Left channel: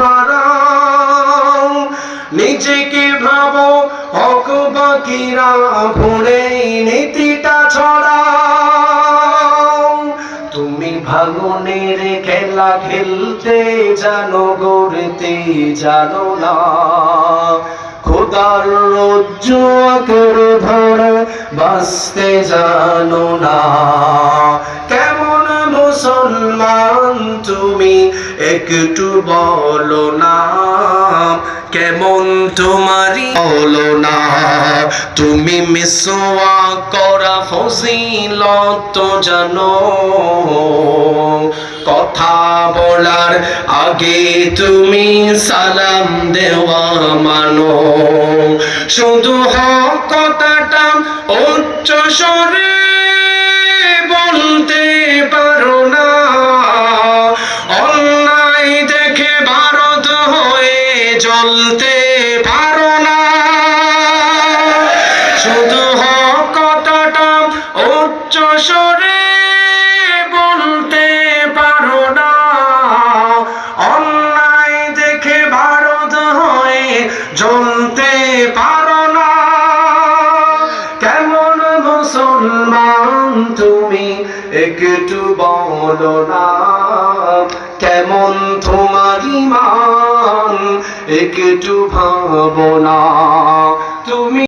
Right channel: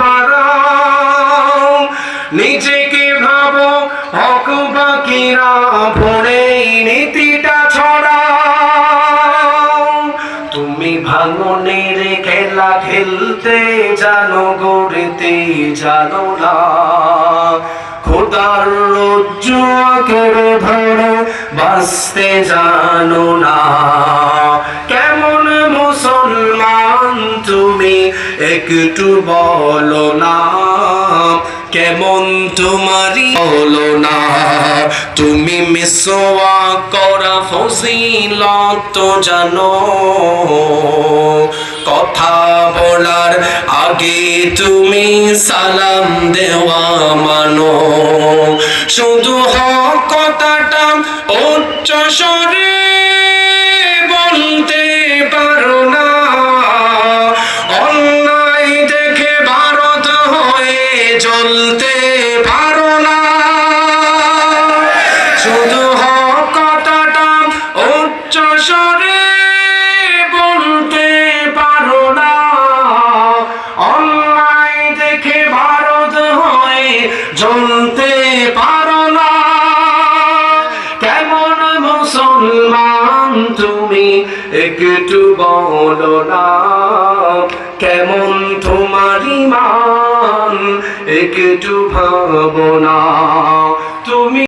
বাড়াও, নিজেকে ভাবো হক বাকিরা ভুলে নীতিটা ছড়াও। তুমি ভাঙনের খেলা খেলতে জানো, গড়তে জানো না, খোদার রজ্জু আঁকড়ে ধরে বাঁচতে জানো না। কেমন মুসলমান তুমি একটু বলো না, কেমন তোমারই বলো না। তুমি মিসওয়াক করা ফজিলত জানো, কথা বলার আগে তুমি সালাম দেওয়া মানো। শুধু হক কথাটা উচ্চ স্বরে বলতে পারো না, অন্যায় দেখে ভারত হয়ে জ্বলতে পারো না। শুধু হক কথাটা উচ্চ স্বরে বলতে পারো না, অন্যায় দেখে ভারত হয়ে জ্বলতে পারো না। কেমন মুসলমান তুমি একটু বলো না, কেমন তোমার ঈমান একটু ভাবো না। তুমি